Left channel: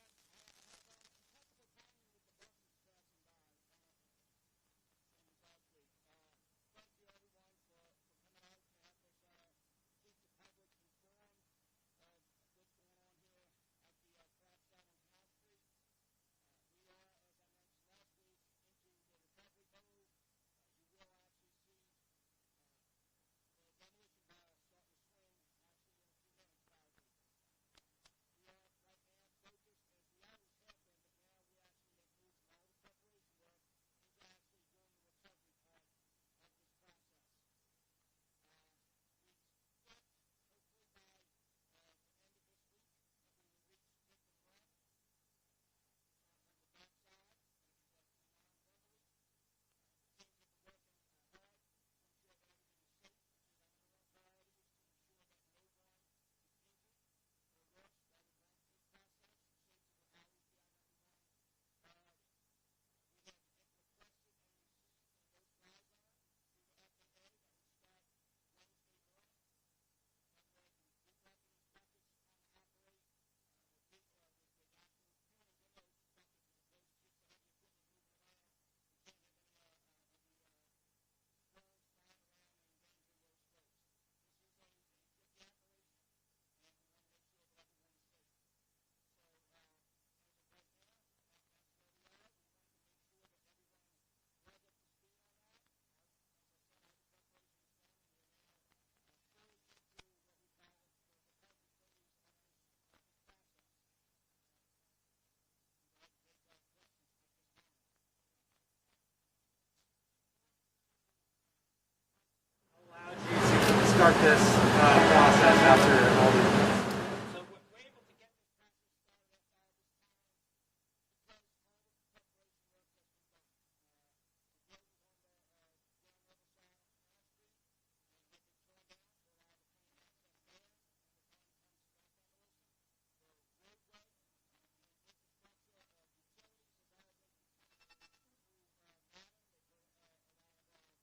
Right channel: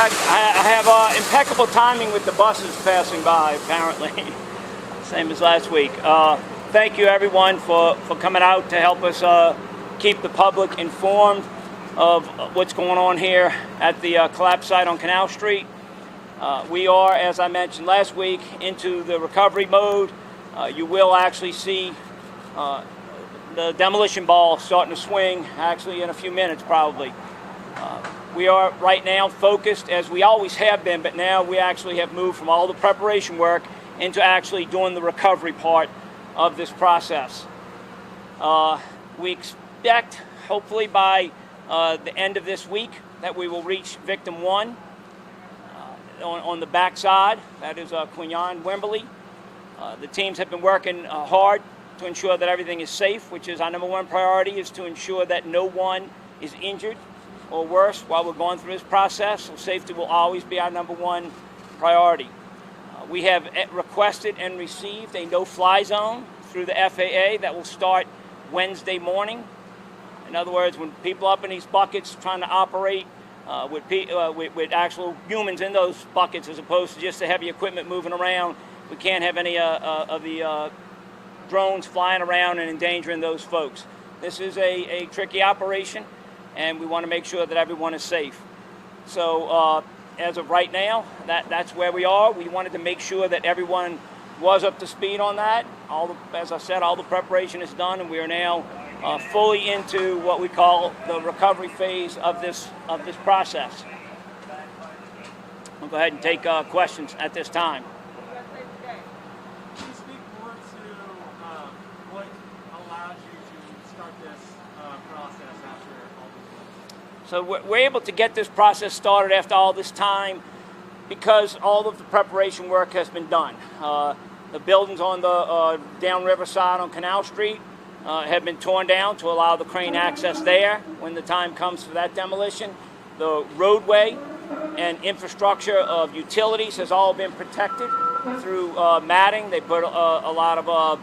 fact, I have impeccable timing with the buses passing by, apparently. Same as last week. Thank you, everyone, for coming out to help us keep the public informed of what's going on here at the collapse site on Canal Street. We are, as I mentioned last week, into the recovery mode. You will actually see the demolition ball starting to swing, actually in a few minutes probably. We are right now focused, as we always have been, but now we actually have moved from all the preparation work into actually doing the recovery part of this process. We expect, hopefully by the end of this week, that we will reach victim 1 on the backside. That is Quinnyon, Wimberly. The teams have been working hard to ensure that everything is safe, which is our #1 priority, is to ensure that no one is injured or worse while we're going through this process. So safety will always be our #1 priority. We have requested and received a no-fly zone through the FAA that will start Wednesday morning. In other words, when people up in these buckets trying to operate with actual humans in those buckets as opposed to just the heavy equipment moving around, we can't have any of the drones flying around and endangering those folks. This is a tricky operation, and we want to make sure that everyone is safe. So as of right now, that's where we are. We wanted to make sure that everyone was up to speed on that. As I said, all the preparation is done, and we are now fully into what we call the recovery phase of this process. We'll go ahead and take questions at this time. Can you speak more to what allowed you to start this process after all these? So we're able to get this process started after all this time because all of the preparation work has been done. The buildings on the downriver side on Canal Street have been torn down to allow the crane access there when the time comes for that demolition. The roadway and infrastructure of utilities has all been protected through matting. They put a lot of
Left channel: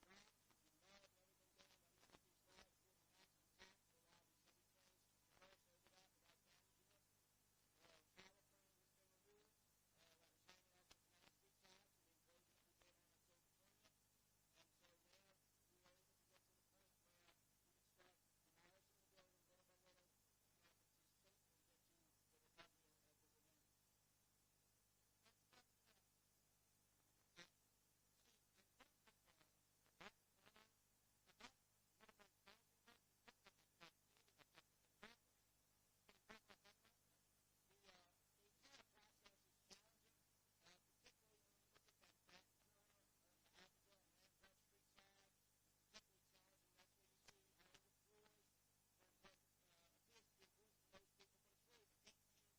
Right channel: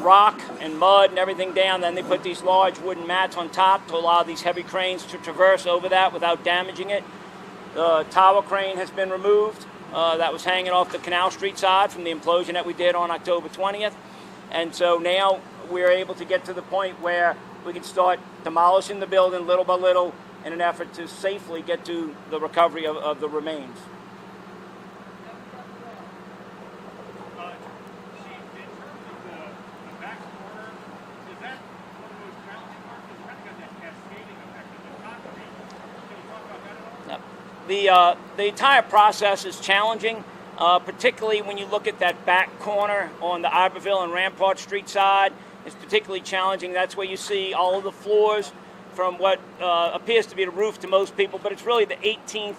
rock and mud and everything down. Then they put these large wooden mats on top to allow these heavy cranes to traverse over that without damaging it. The tower crane has been removed. That was hanging off the Canal Street side from the implosion that we did on October 20th. And so now we're able to get to the point where we can start demolishing the building little by little in an effort to safely get to the recovery of the remains. The entire process is challenging, particularly when you look at that back corner on the Iberville and Rampart Street side. It's particularly challenging. That's where you see all of the floors from what appears to be the roof to most people, but it's really the 18th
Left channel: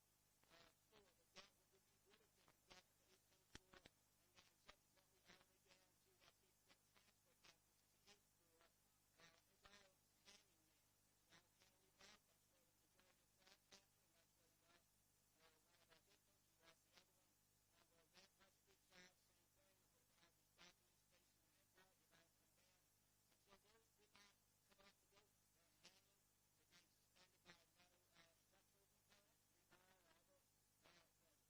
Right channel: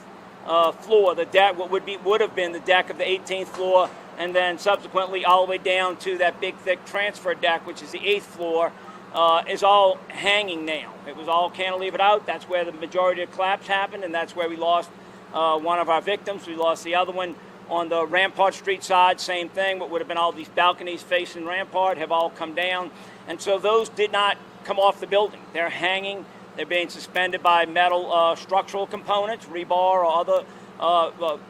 floor, the deck, what would have been the deck of the 18th floor, and then subsequently all the way down to that big, thick transfer deck, which is the 8th floor, is all hanging now. It was all cantilevered out. That's where the majority of collapse happened, and that's where we lost one of our victims. We lost the other one on the Rampart Street side, same thing. What would have been all these balconies facing Rampart have all come down. And so those did not come off the building. They're hanging. They're being suspended by metal structural components, rebar or other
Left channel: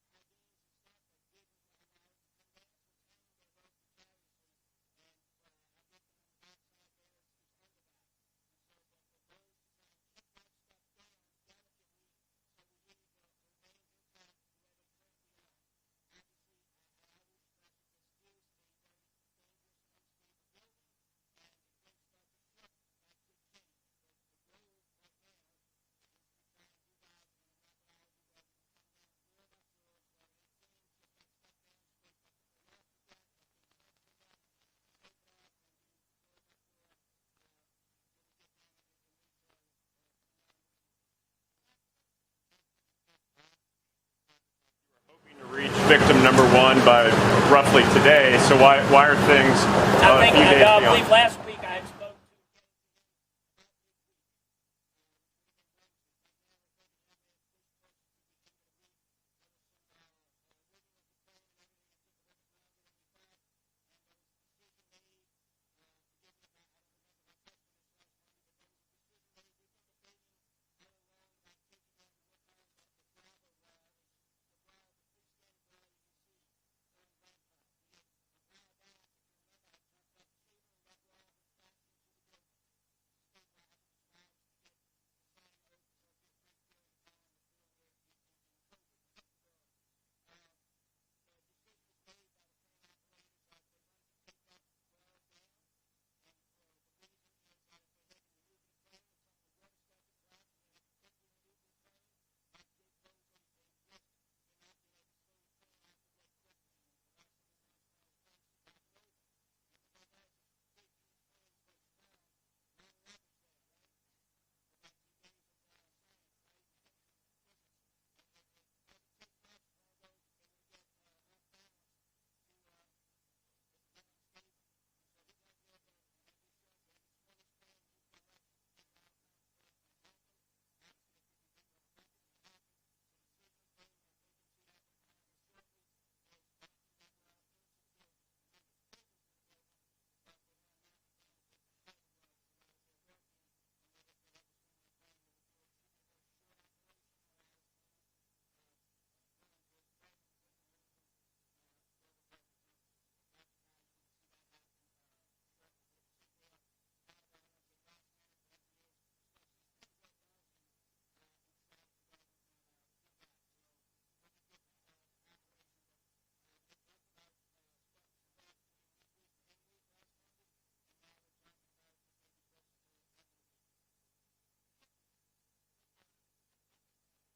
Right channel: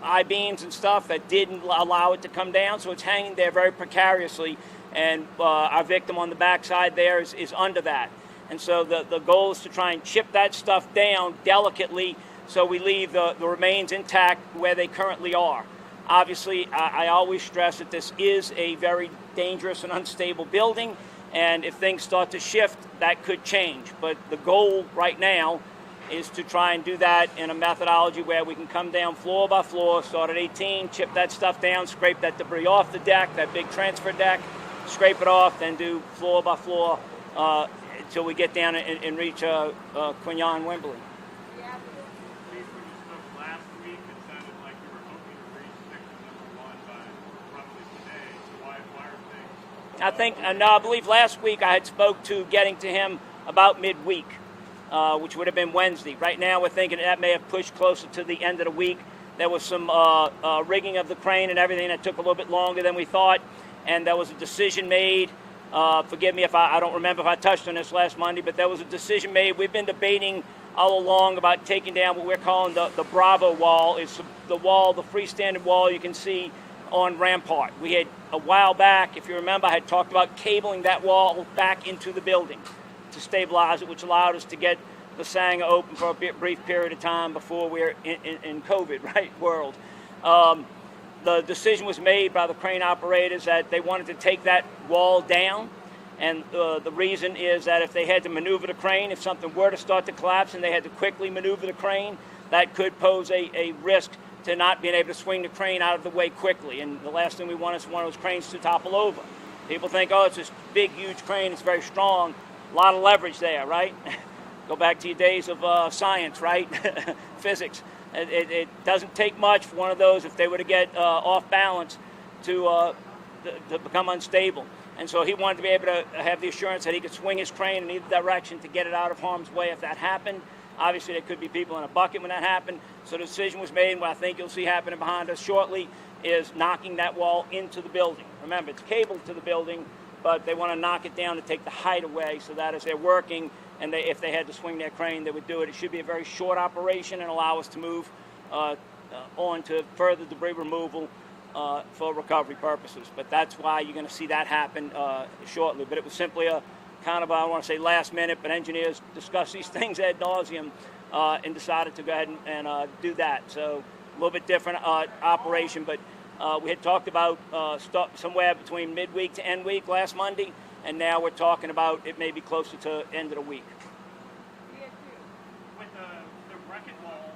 I-beams and stuff that didn't allow it to come down. So it's hanging there very precariously. And our victim on the backside there is under that. And so the goal is to try and chip that stuff down delicately so we leave the remains intact where they currently are. Obviously, I always stress that this is a very dangerous and unstable building, and if things start to shift, that could change. But the goal right now is to try and do that in a methodology where we can come down floor by floor, start at 18, chip that stuff down, scrape that debris off the deck, that big transfer deck, scrape it off, then do floor by floor until we get down and reach Quinnyon, Wimberly. Reach victim #1 by roughly today. So why are things? I believe last week I had spoke to getting to him about midweek, which would have been Wednesday. Right now we're thinking that may have pushed closer to the end of the week. There was some rigging of the crane and everything that took a little bit longer than we thought, and there was a decision made. Forgive me if I don't remember if I touched on this last Monday, but there was a decision made. We've been debating all along about taking down what we're calling the Bravo wall. It's the wall, the freestanding wall you can see on Rampart. We had, a while back, if you remember, I had talked about cabling that wall back into the building to stabilize it, which allowed us to get the Sanger open for a brief period of time before we were in COVID, right, world. The decision was made by the crane operators that they wanted to take that wall down, and the reason is that if they had to maneuver the crane, if something were to start to collapse and they had to quickly maneuver the crane, that could pose a risk to not being able to swing the crane out of the way quickly. And the last thing we want is one of those cranes to topple over. People think, oh, it's this big, huge crane, it's very strong, a lot of leverage there, right? Go back to your days of science, right? Physics. It doesn't take much for one of those, if they were to get off balance, to become unstable. And so he wanted to be able to have the assurance that he could swing his crane in either direction to get it out of harm's way if that happened. Obviously, there could be people in a bucket when that happened. So the decision was made, and what I think you'll see happening behind us shortly is knocking that wall into the building. Remember, it's cabled to the building, but they want to knock it down to take the height away so that as they're working, and if they had to swing their crane, they would do it. It should be a very short operation and allow us to move on to further debris removal for recovery purposes. But that's why you're going to see that happen shortly. But it was simply a kind of, I don't want to say last minute, but engineers discuss these things ad nauseum and decided to go ahead and do that. So a little bit different operation, but we had talked about somewhere between midweek to end week last Monday, and now we're talking about it may be closer to end of the week. With the wreck-it wall,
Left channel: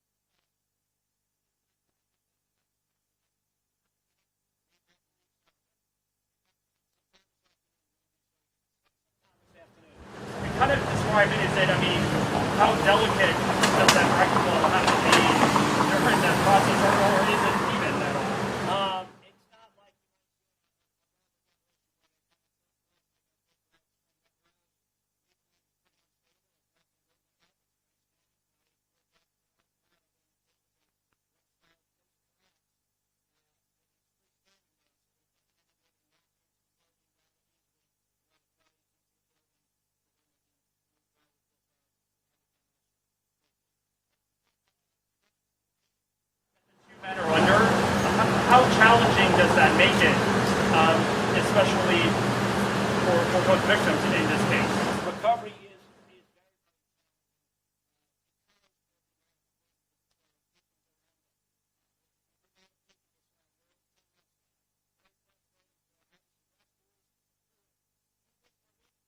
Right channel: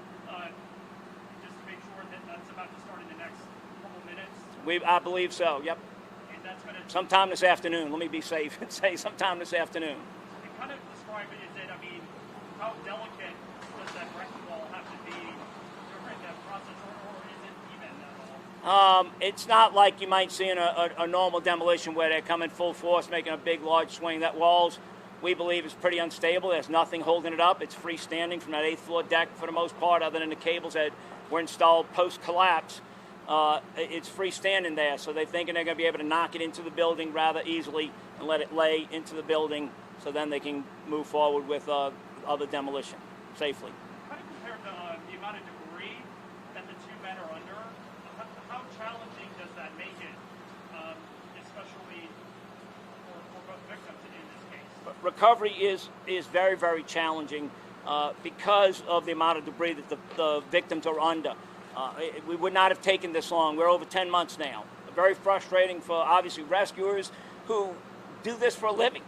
just to make sure that that's about to start in the next couple minutes? I believe so, yep. And that's going to... Sometime this afternoon. Let me be safe and say sometime this afternoon. You kind of described it as that, I mean, how delicate does that wreck-it wall have to be during that process, or is it even at all? It's not like you might see in a normal demolition where they're coming full force, making a big, large swing. That walls, we believe, is pretty unstable. There's nothing holding it up. It's freestanding from that 8th floor deck for the most part, other than the cables that were installed post-collapse. It's freestanding there, so they're thinking they're going to be able to knock it into the building rather easily and let it lay into the building, so then they can move forward with other demolition safely. How do you compare the amount of debris that the two men are under? How challenging does that make it, especially for both victims in this case? Recovery is very, very challenging because of the amount of debris that the victims are under. We would not have taken this long. We're over 10 months now. Very frustrating for, obviously, rescuers who do this for a living.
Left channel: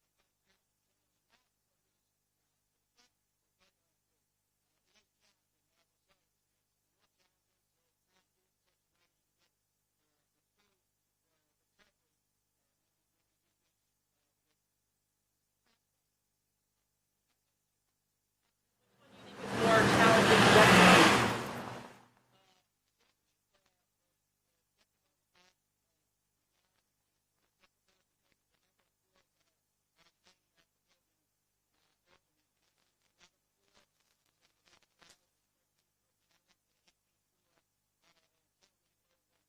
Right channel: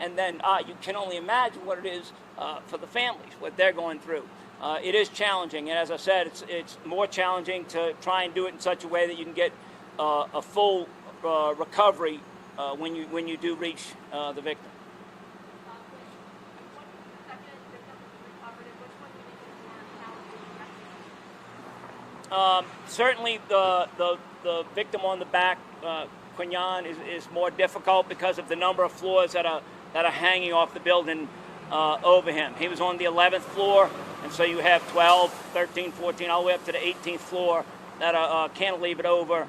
And then you can only imagine what it is for the families, what they're going through. It is challenging, and as I said, it's more challenging to try and do it in such a way that you can get a full recovery when you do reach the victim. Certainly the victim on the back, Quinnyon, is more difficult because of the number of floors that are hanging off the building over him. He was on the 11th floor, and so you have 12, 13, 14, all the way up to the 18th floor that are cantilevered over,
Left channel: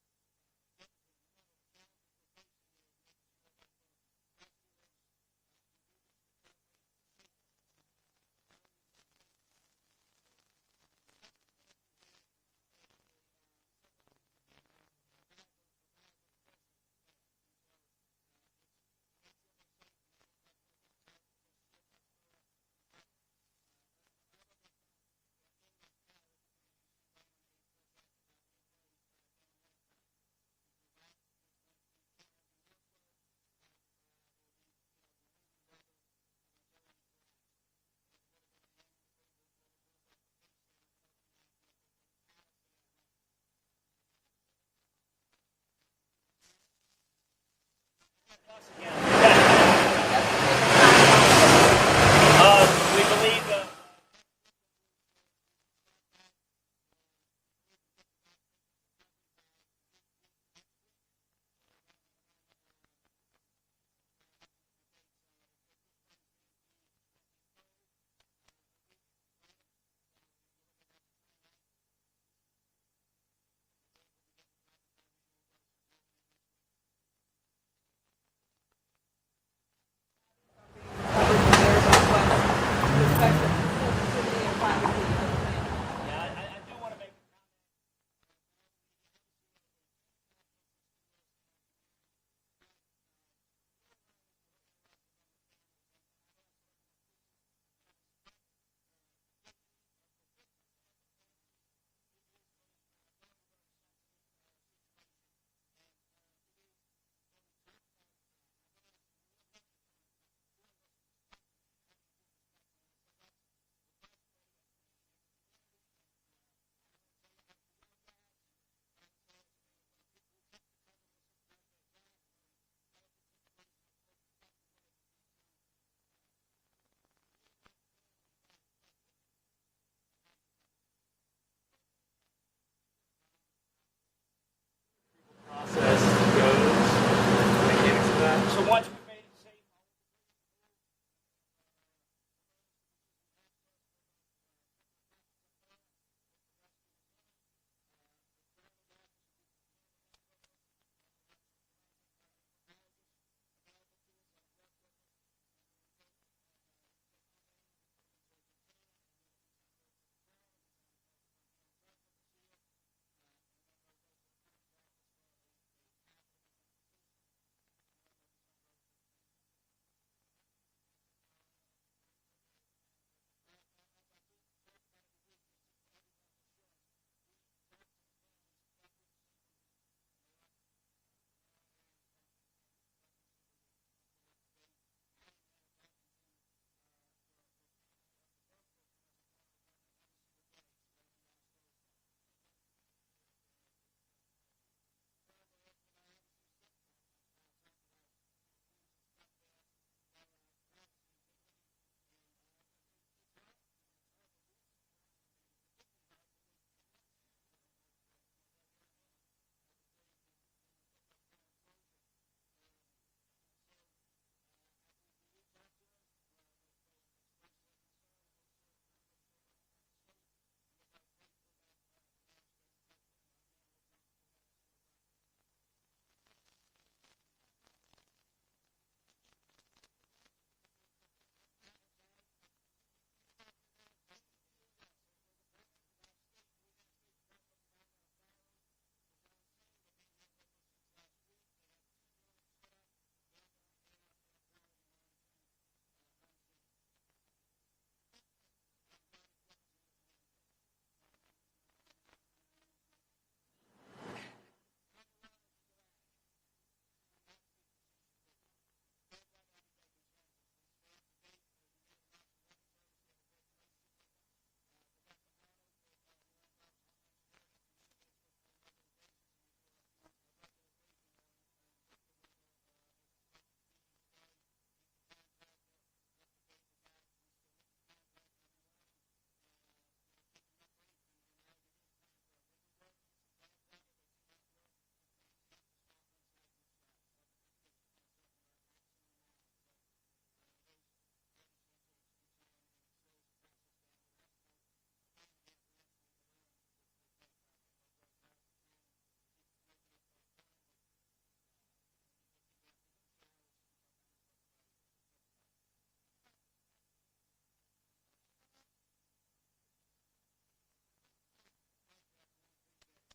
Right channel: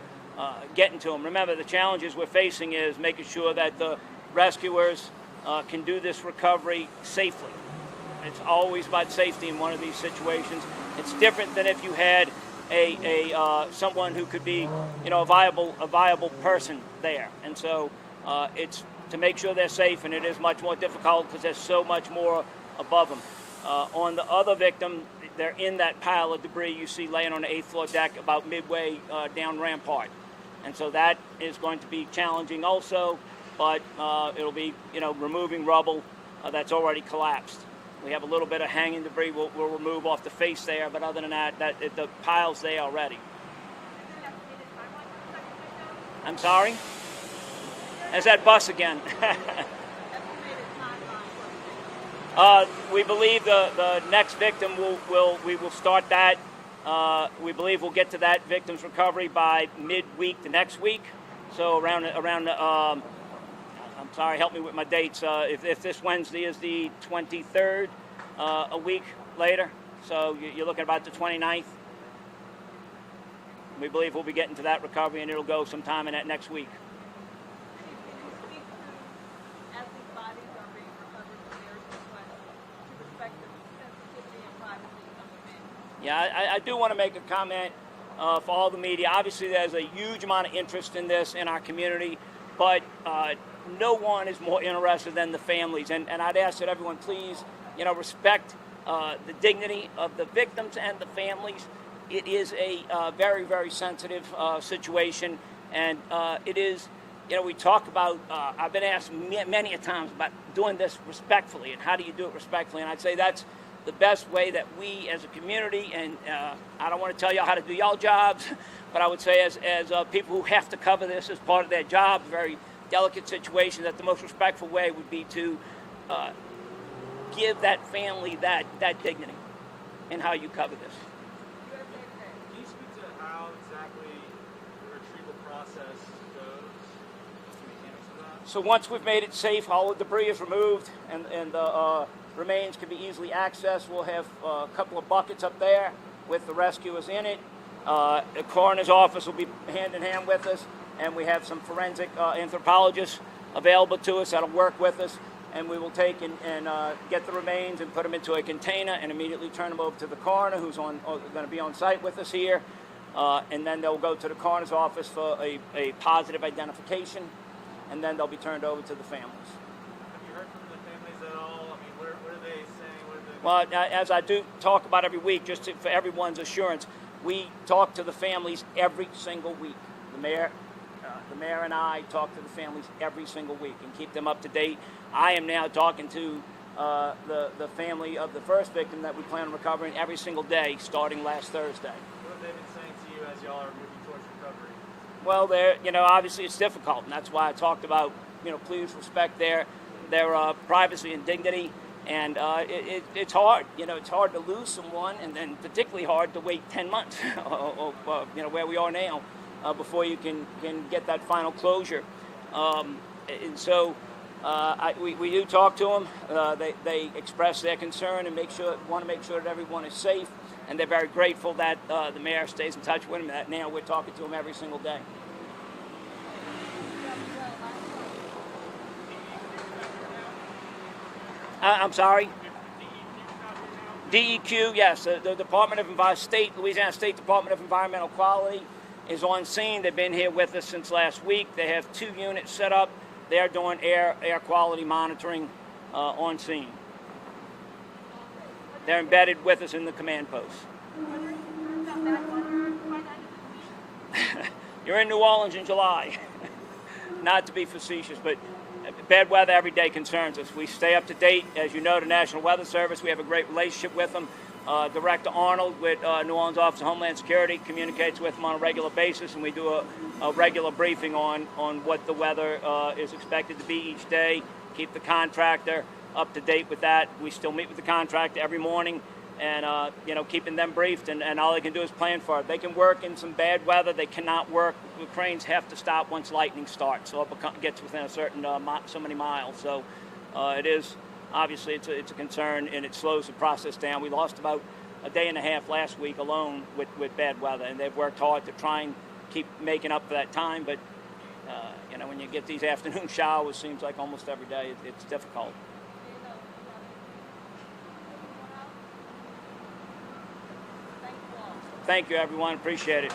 getting to him. Remember, the challenges we're facing is making sure that the rescuers can do this recovery safely. It's always about safety in one of these situations. It's different than if you had someone who could be, a viable person there. And so it's to make sure they're safe, and it is much more difficult because there's so much more above them. On the other victim, they're in that pile of debris you see laying on the 8th floor deck about midway down Rampart. And so that is going to be challenging also, but it'll be, removing rubble that's already collapsed. We have a little bit of hanging debris we'll remove off the face there, but other than that, the pile's there already. I'm sorry? There's that bus again. We believe the next victim we will start that. We believe we'll get to that victim's recovery by midweek the next week. So around I'm sorry, help me with my dates. If this Wednesday is the 23rd, a week later, so you're looking about the 29th. We believe we'll be getting to that recovery, and it'll go sometime in that next week. I do want to make a comment for all the media. Obviously, there's a huge amount of interest in this in our community, but no one is more interested than the families. And I'd ask that everyone please, respect the dignity of the victims and the families. It is a very, very sensitive situation, and it is. We talk about, I've been asked many a times about doing this respectfully, and how do you do it respectfully? And I'd say that's the best way that we as a community, and I don't want to tell y'all how to do y'all jobs, but I would say as people who have to cover this as part of their job, very delicate situation, that the most respectful way would be to give that family that dignity in how you cover this. Can you speak to how exactly the retrieval process goes? So once we've made it safe, all the debris is removed, and the remains can be easily accessed. We'll have a couple of buckets up there with the rescuers in it. The coroner's office will be hand in hand with us, and we have some forensic anthropologists available to us that'll work with us, and we will take and get the remains and put them into a container and immediately turn them over to the coroner, who's going to be on site with us here, and then they'll go to the coroner's office for a positive identification, and then they'll be turned over to the families. Have you heard from the families at all? I mean, what are they saying? Well, as I do talk about every week, for everyone's assurance, we talk to the families every single week. The mayor and I talk to the families every single week and keep them up to date. I am now talking to the family of the first victim that we plan on recovering every single day, starting last Thursday. What have they been saying to you as y'all are moving towards recovery? Well, obviously it's difficult, and that's why I talked about, please respect their privacy and dignity. And it's hard, it's hard to lose someone, and then particularly hard to wait 10 months, where we are now, before you can get that final closure. And so we do talk to them. They express their concern and want to make sure that everyone is safe, and they're very grateful that the mayor stays in touch with them. That now we're talking to them every single day. I'm sorry? DEQ, yes. The Department of Louisiana State Department of Environmental Quality is on scene. They've been here with us since last week. They have 2 units set up. They're doing air quality monitoring on scene. They're embedded with us in the command post. You're in New Orleans in July. Not to be facetious, but bad weather every day concerns us. We stay up to date. As you know, the National Weather Service, we have a great relationship with them. Director Arnold with New Orleans Office of Homeland Security communicates with them on a regular basis, and we do a regular briefing on what the weather is expected to be each day. Keep the contractor up to date with that. We still meet with the contractor every morning, and keeping them briefed, and all they can do is plan for it. They can work in some bad weather. They cannot work. The cranes have to stop once lightning starts, so it gets within a certain so many miles. So it is obviously it's a concern, and it slows the process down. We lost about a day and a half last week alone with bad weather, and they've worked hard to try and keep making up for that time. But when you get these afternoon showers, seems like almost every day, it's difficult. Thank you, everyone. Appreciate it.